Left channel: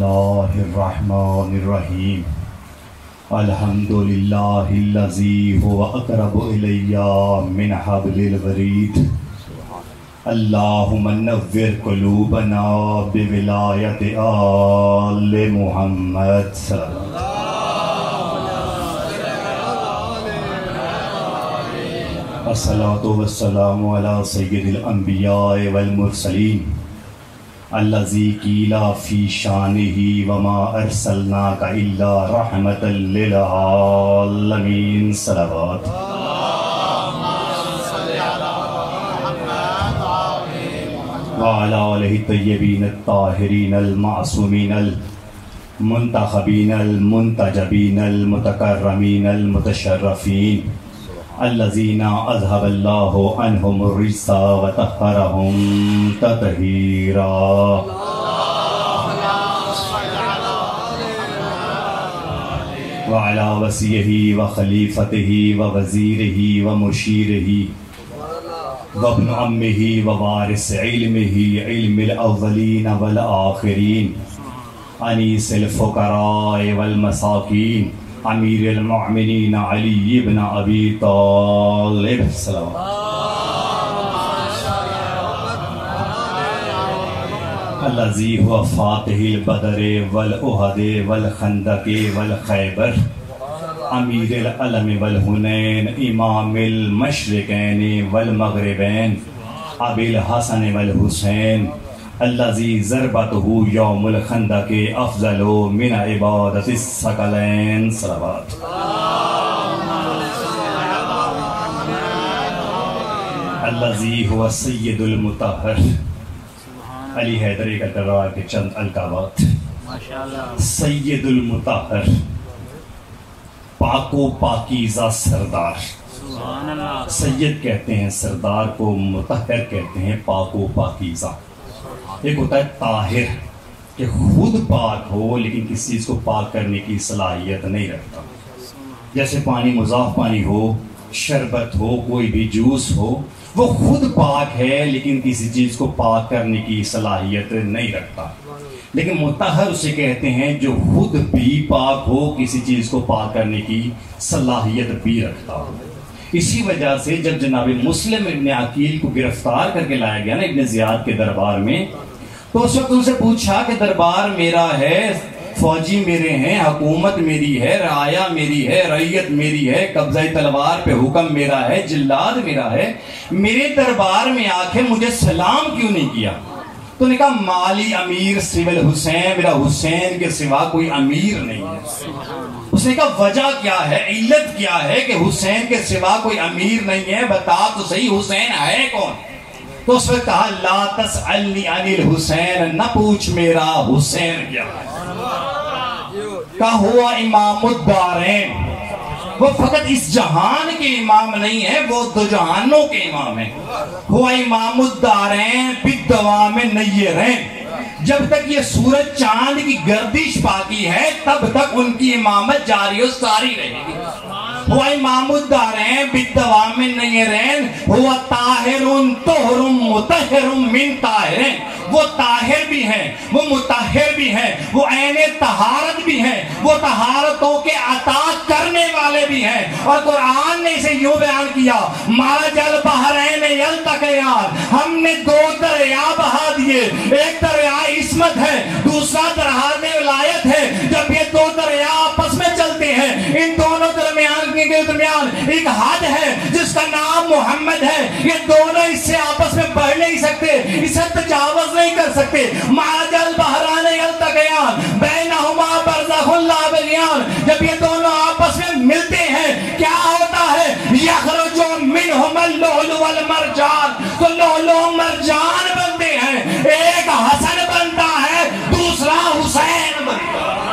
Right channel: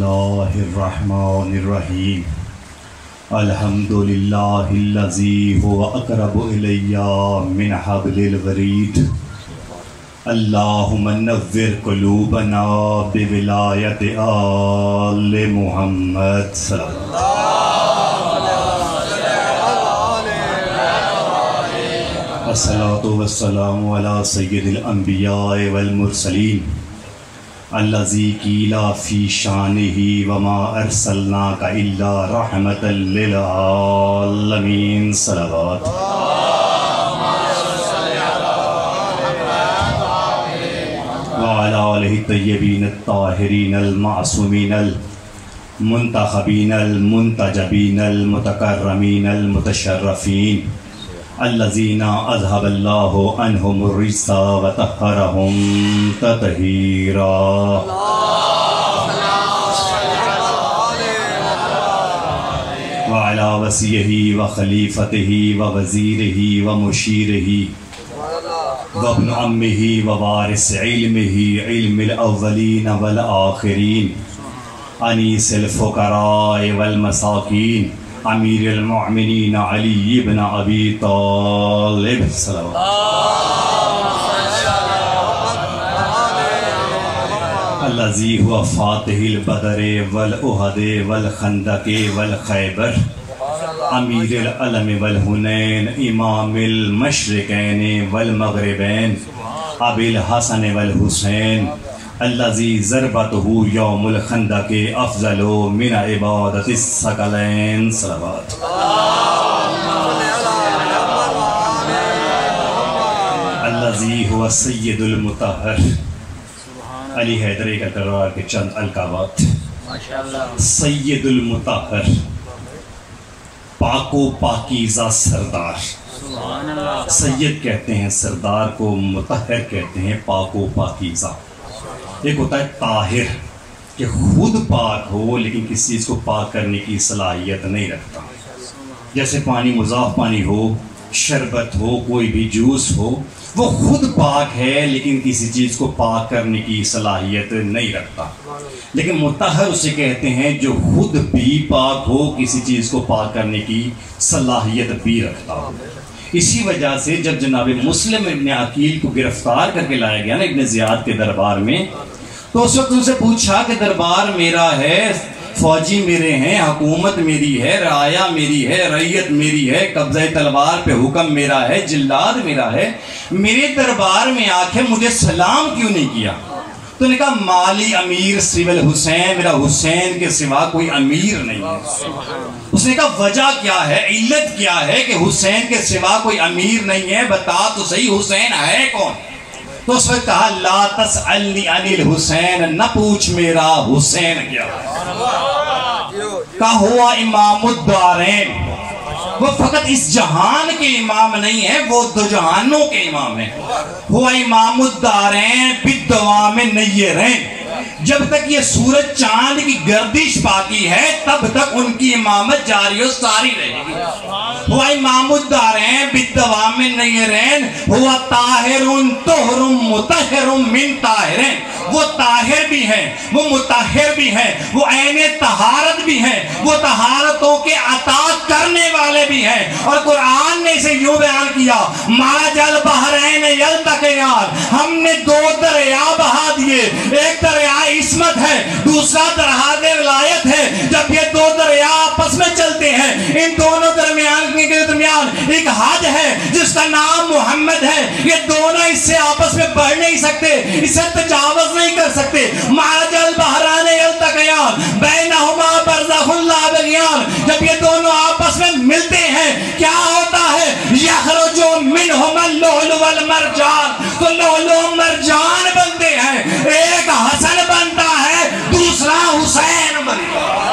اللہ الرحمن الرحیم الحمدللہ الذی هو اقرب الی من حبل الورید اللہم نور قلوبنا بولایت آل محمد صلی اللہ الصلاة والسلام علی سید الانبیاء والمرسلین الذی قیل فی شانہ وما ارسلناک الا رحمۃ للعالمین صلوات وعلی آلہ الطیبین الطاہرین المعصومین المنتخبین المنتجبین المتکرمین المتشرفین الذین اذهب اللہ عنہم الرجس وطہرہم تطہیرا وعلی وصیہ وخلیفتہ ووزیرہ ومشیرہ وابن عمہ ووارث علمہ علم الاولین والآخرین انیس الفقراء والمساکین امیر المؤمنین علی بن ابی طالب الذی هو فاتح البدر والاحد والخندق والخیبر امیر العلم والحنین امام المشرقین والمغربین ابی الحسن والحسین الذی ضربتہ یوم الخندق افضل من عبادت الثقلین صلوات الذی هو سید المطہر علی حیدری کا کرار کے چند القابات سید المطہر پاک و پاکیزہ سردار سید کہتے ہیں سردار کو مطہر کہتے ہیں پاک و پاکیزہ ایک ہوتا ہے طاہر کہ خود پاک ہو لیکن کسی چیز کو پاک کرنے کی صلاحیت نہیں رکھتا جیسے پانی مضاف پانی ہو شربت ہو کوئی بھی جوس ہو وہ خود پاک ہے لیکن کسی چیز کو پاک کرنے کی صلاحیت نہیں رکھتا لیکن مطہر اسے کہتے ہیں جو خود بھی پاک ہو کسی چیز کو پاک کرنے کی صلاحیت بھی رکھتا ہو اسی وجہ سے جب جناب مسلم ابن عقیل کو گرفتار کر کے لایا گیا نا ابن زیاد کے دربار میں تو اس وقت ان سے پوچھا کہ دربار میرا ہے فوجی میرے ہیں حکومت میری ہے رعایا میری ہے رعیت میری ہے قبضہ تلوار پہ حکم میرا ہے جلاد میرا ہے میرے دربار میں آ کے مجھے سلام کیوں نہیں کیا تو نے کہا مالی امیر سوى الحسین میرا حسین کے سوا کوئی امیر نہیں ہے اس نے کہا وجہ کیا ہے علت کیا ہے کہ حسین کے سوا کوئی امیر نہیں ہے بتا تو صحیح حسین ہے کون تو اس نے کہا لا تسألنی عن الحسین نہ پوچھ میرا حسین کیا ہے کہا ہوا امام الدارین وہ فقط اس جہان کے امام نہیں ہے وہ دو جہانوں کے امام ہیں ہوا امام الدارین بالدوام نیرین جب تک یہ سورج چاند کی گردش باقی ہے تب تک ان کی امامت جاری و ساری رہے گی ہوا امام الدارین بالدوام نیرین ہوا طاہر طہر مطہر من طاہرین وہ طاہر بھی ہیں وہ مطہر بھی ہیں وہ عین طہارت بھی ہیں وہ طہارتوں کے عطا کرنے والے بھی ہیں اور قرآن نے اسے یوں بیان کیا مرج البحرین یلتقیان ہم نے دو دریا بہا دیے ایک دریا عصمت ہے دوسرا دریا ولایت ہے جب یہ دو دریا آپس میں چلتے ہیں ان دونوں درمیان ایک حد ہے جس کا نام محمد ہے یہ دونوں اس سے آپس میں بڑھ نہیں سکتے اسے تجاوز نہیں کر سکتے مرج البحرین یلتقیان بینہما برزخ لا یبغیان جب یہ دونوں آپس میں ملتے ہیں کیا ہوتا ہے یخرج منہما اللؤلؤ والمرجان تو لؤلؤ مرجان بنتے ہیں ایک حسن بنتا ہے دوسرا حسین بنتا ہے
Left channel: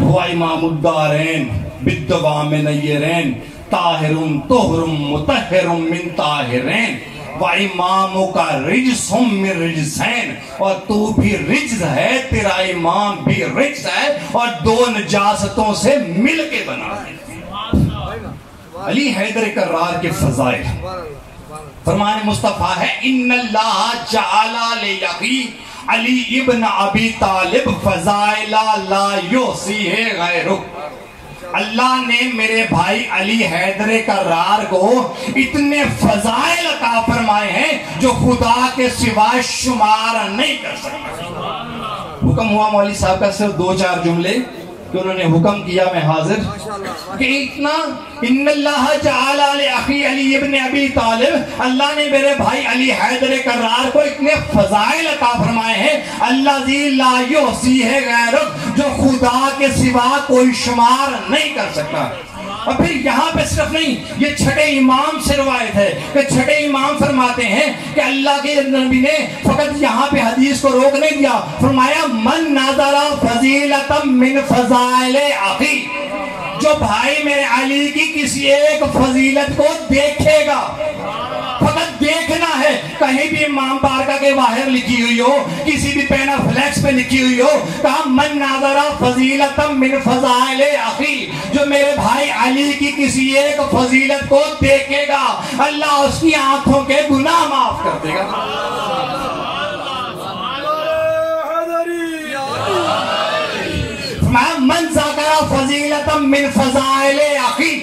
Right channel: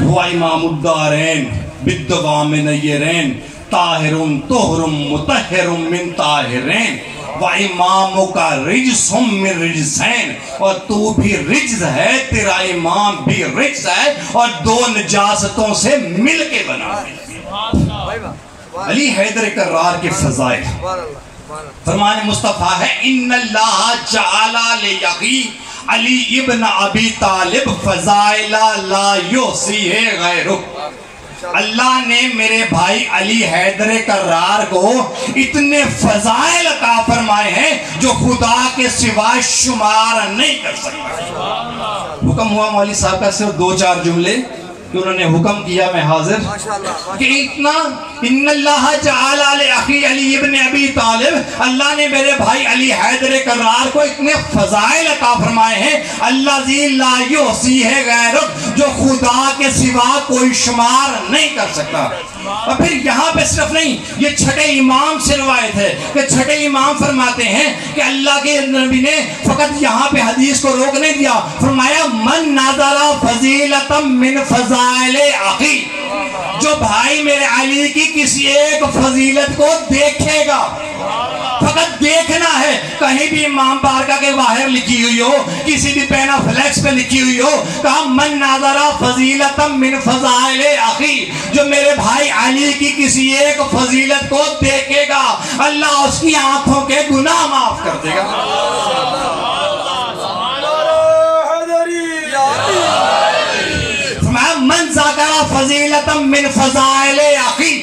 ہوا امام الدارین بالدوام نیرین طاہر طہر مطہر من طاہرین وَإِمَامُكَ رِجْسٌ مِّن رِجْسَيْن اور تو بھی رجز ہے تیرا امام بھی رجز ہے اور دو نجاستوں سے مل کے بنا ہے علی حیدر کرار کے فضائل فرمان مصطفیٰ ہے ان اللہ جعل لأخی علی ابن ابی طالب فضائل لا یحصیہ غیرہ. اللہ نے میرے بھائی علی حیدر کرار کو اتنے فضائل عطا فرمائے ہیں جو خدا کے سوا شمار نہیں کر سکتا. حکم ہوا مولوی صاحب کا صرف 2-4 جملے کہ انہوں نے حکم کیا میں حاضر کہ اتنا ان اللہ جعل لأخی علی ابن ابی طالب اللہ نے میرے بھائی علی حیدر کرار کو اتنے فضائل عطا فرمائے ہیں اللہ ذی لا یحصیہ غیرہ جو خدا کے سوا کوئی شمار نہیں کر سکتا. اور پھر یہاں پہ صرف نہیں یہ چھٹے امام سے روایت ہے کہ چھٹے امام فرماتے ہیں کہ اللہ کے نبی نے فقط یہاں پہ حدیث کو روک نہیں دیا, فرمایا من نظر فضیلتا من فضائل اخی, جو بھائی میرے علی کی کسی ایک فضیلت کو دیکھے گا, فقط دیکھنا ہے, کہیں بھی امام بارکہ کے باہر لکھی ہوئی ہو, کسی بھی پینا فلیکس پہ لکھی ہوئی ہو, کہا من نظر فضیلتا من فضائل اخی, جو میرے بھائی علی کی کسی ایک فضیلت کو دیکھے گا اللہ اس کی آنکھوں کے گناہ معاف کر دے گا. من ذکر فضیلتا من فضائل اخی,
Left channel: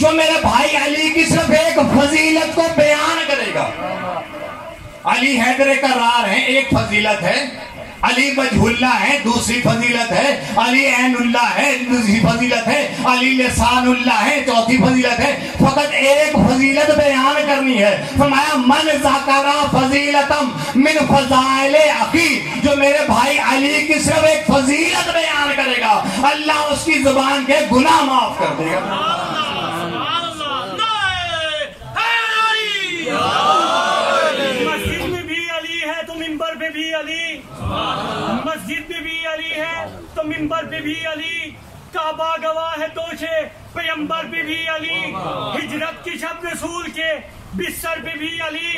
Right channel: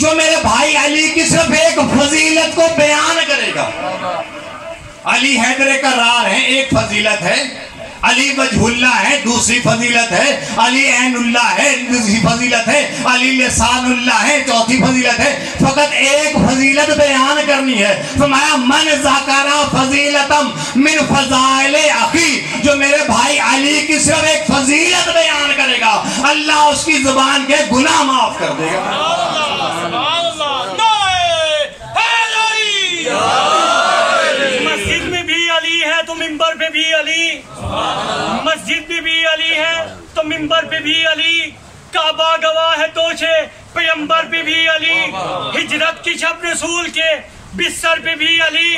جو میرے بھائی علی کی صرف ایک فضیلت کو بیان کرے گا. علی حیدر کرار ہیں, ایک فضیلت ہے, علی وجہ اللہ ہے دوسری فضیلت ہے, علی عین اللہ ہے دوسری فضیلت ہے, علی لسان اللہ ہے چوتھی فضیلت ہے, فقط ایک فضیلت بیان کرنی ہے. فرمایا من ذکر فضیلتا من فضائل اخی, جو میرے بھائی علی کی صرف ایک فضیلت بیان کرے گا اللہ اس کی زبان کے گناہ معاف کر دے گا. مسجد میں بھی علی ہے تو منبر پہ بھی علی, مسجد میں بھی علی ہے تو منبر پہ بھی علی, کعبہ گواہ ہے توشے پیغمبر پہ بھی علی, ہجرت کی شب رسول کے بستر پہ بھی علی,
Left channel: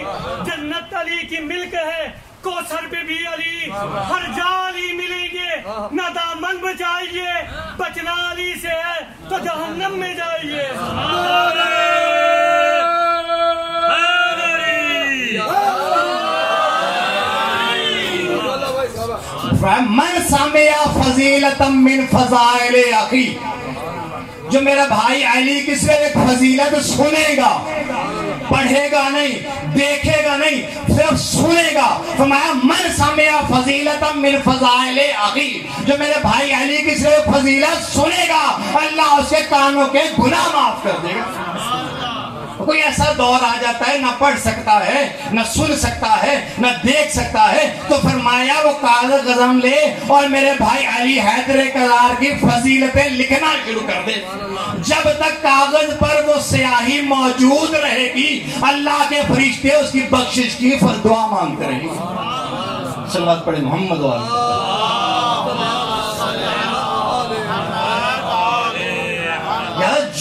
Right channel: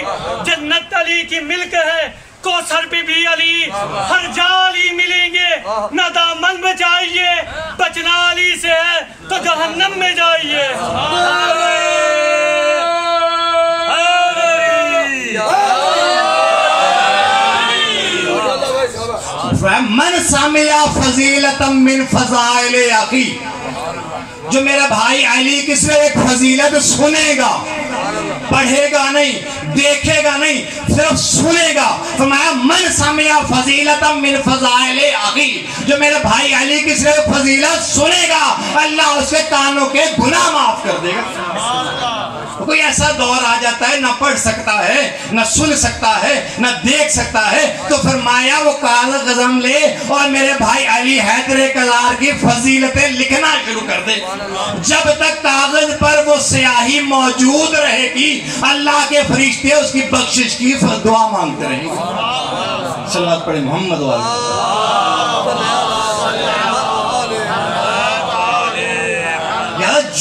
جنت علی کی ملک ہے کوثر پہ بھی علی, ہر جا علی ملیں گے نہ دامن بچائیے, بچنا علی سے ہے تو جہنم میں جائیے. من سمع فضیلتا من فضائل اخی, جو میرا بھائی علی کی صرف ایک فضیلت سنے گا, پڑھے گا نہیں, دیکھے گا نہیں, صرف سنے گا. فرمایا من سمع فضیلتا من فضائل اخی, جو میرے بھائی علی کی صرف فضیلت سنے گا اللہ اس کے کانوں کے گناہ معاف کر دے گا. کوئی ایسا دور آ جاتا ہے نہ پڑھ سکتا ہے نہ سن سکتا ہے نہ دیکھ سکتا ہے, تو فرمایا وہ کاغذ قلم لے اور میرے بھائی علی حیدر کرار کی فضیلتیں لکھنا شروع کر دے. جب تک کاغذ پر وہ سیاہی موجود رہے گی اللہ کے فرشتے اس کی بخشش کی دعا مانگتے رہیں گے. صلوات پڑھیں محمد والے.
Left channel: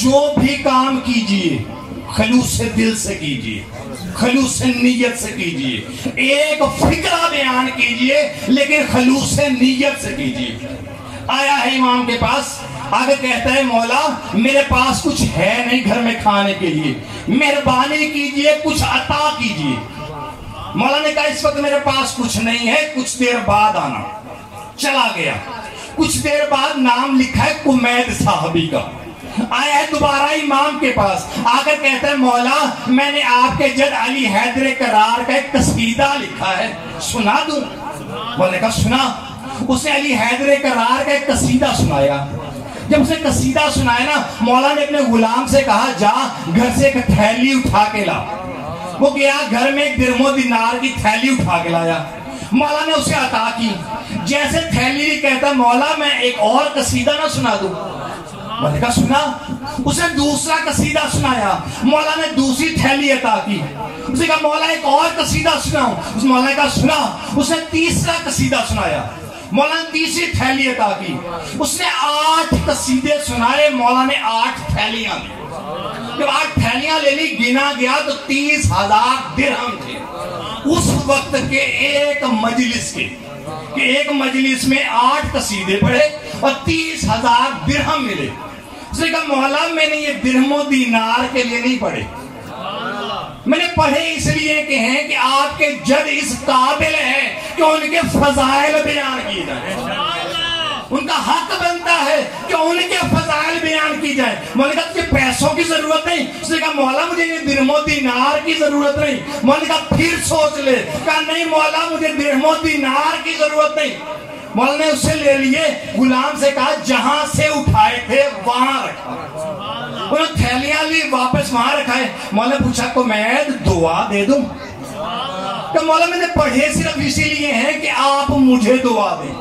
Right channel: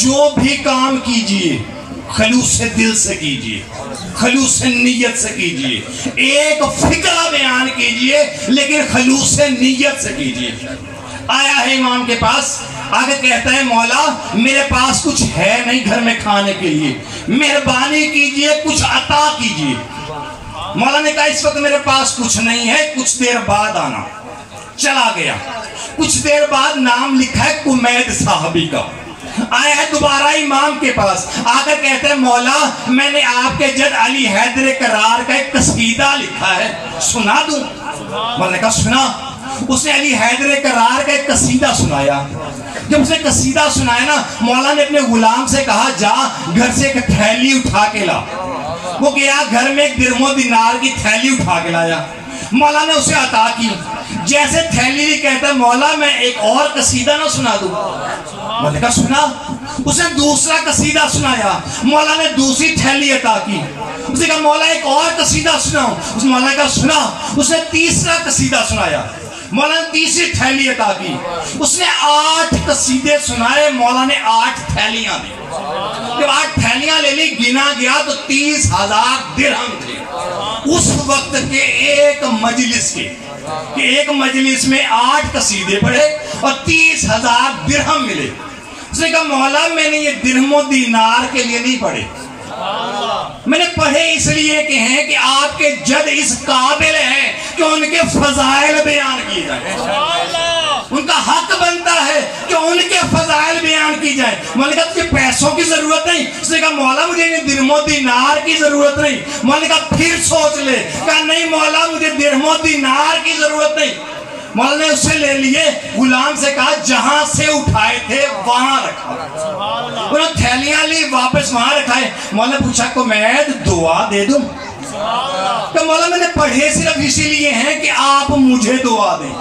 جو بھی کام کیجئے خلوص دل سے کیجئے, خلوص نیت سے کیجئے, ایک فکرہ بیان کیجئے لیکن خلوص نیت سے کیجئے. آیا ہے امام کے پاس, آگے کہتا ہے مولا میرے پاس کچھ ہے نہیں گھر میں کھانے کے لیے, مہربانی کیجئے کچھ عطا کیجئے. مولا نے کہا اس وقت میرے پاس کچھ نہیں ہے, کچھ دیر بعد آنا. چلا گیا, کچھ دیر بعد نام لکھا ہے کمید صاحبی کا. آیا ہے دوبارہ امام کے پاس, آ کر کہتا ہے مولا میں نے آپ کے جد علی حیدر کرار کا ایک قصیدہ لکھا ہے, سنا دوں؟ مولا نے کہا سنا. اس نے علی حیدر کرار کا ایک قصیدہ سنایا. جب اس نے قصیدہ سنایا نا, مولا نے اپنے غلام سے کہا جا گھر سے ایک تھیلی اٹھا کے لا. وہ گیا گھر میں ایک درم و دینار کی تھیلی اٹھا کے لایا. مولا نے اسے عطا کی. جیسے تھیلی بھی کہتا ہے مولا میں ایک اور قصیدہ نہ سنا دوں؟ مولا نے کہا سنا. اس نے دوسرا قصیدہ سنایا. مولا نے دوسری تھیلی عطا کی. اس نے کہا مولا ایک اور قصیدہ سناؤں؟ اس مولا نے کہا سنا. اس نے تیسرا قصیدہ سنایا. مولا نے تیسری تھیلی عطا کی. اس نے 8 قصیدے سنائے. مولا نے 8 تھیلیاں دی. جب 8 تھیلیاں لے لی, گنا گیا تو 30,000 درہم تھے اس وقت کے ایک مجلس کے, کہ ایک مجلس میں 8 قصیدے پڑھے اور 30,000 درہم ملے. اس نے کہا مولا میں نے یہ درہم و دینار کے لیے نہیں پڑھے, میں نے پڑھے اس لیے کہ ہیں کہ آپ کے جد اس قابل ہیں کہ ان کے فضائل بیان کی جائیں. ان کا حق بنتا ہے کہ ان کے فضائل بیان کی جائیں. مولا نے کہا تجھے پیسوں کی ضرورت نہیں. اس نے کہا مولا مجھے درہم و دینار کی ضرورت نہیں. مولا نے کہا پھر سوچ لے. کہا نہیں مولا مجھے درہم و دینار کی ضرورت نہیں. مولا نے اس سے لے لیے. غلام سے کہا جہاں سے اٹھائے تھے وہاں رکھا. انہوں نے تھیلیاں لی واپس وہاں رکھائے. مولا نے پوچھا کو میں دعا دے دوں؟ کہ مولا میں نے پڑھے صرف اسی لیے ہیں کہ آپ مجھے دعا دیں.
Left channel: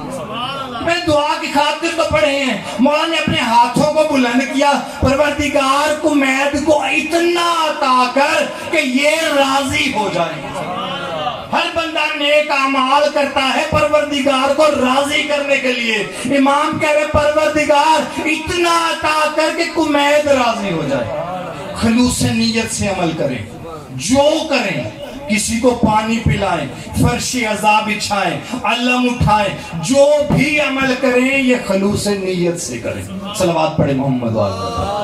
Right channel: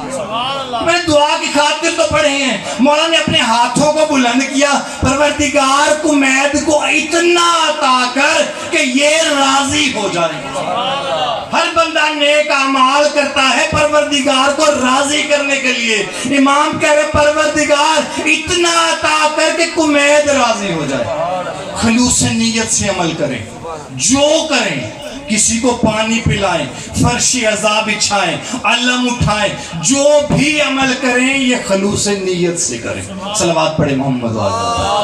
میں نے دعا کی خاطر تو پڑھے ہیں. مولا نے اپنے ہاتھوں کو بلند کیا. پروردگار کمید کو اتنا عطا کر کہ یہ راضی ہو جائے. ہر بندہ نیک اعمال کرتا ہے پروردگار کو راضی کرنے کے لیے. امام کہہ رہے پروردگار اتنا عطا کر کے کمید راضی ہو جائے. خلوص نیت سے عمل کریں. جو کریں, کسی کو پانی پلائیں, فرش عذاب بچھائیں, علم اٹھائیں, جو بھی عمل کریں یہ خلوص نیت سے کریں. صلوات پڑھیں محمد والے.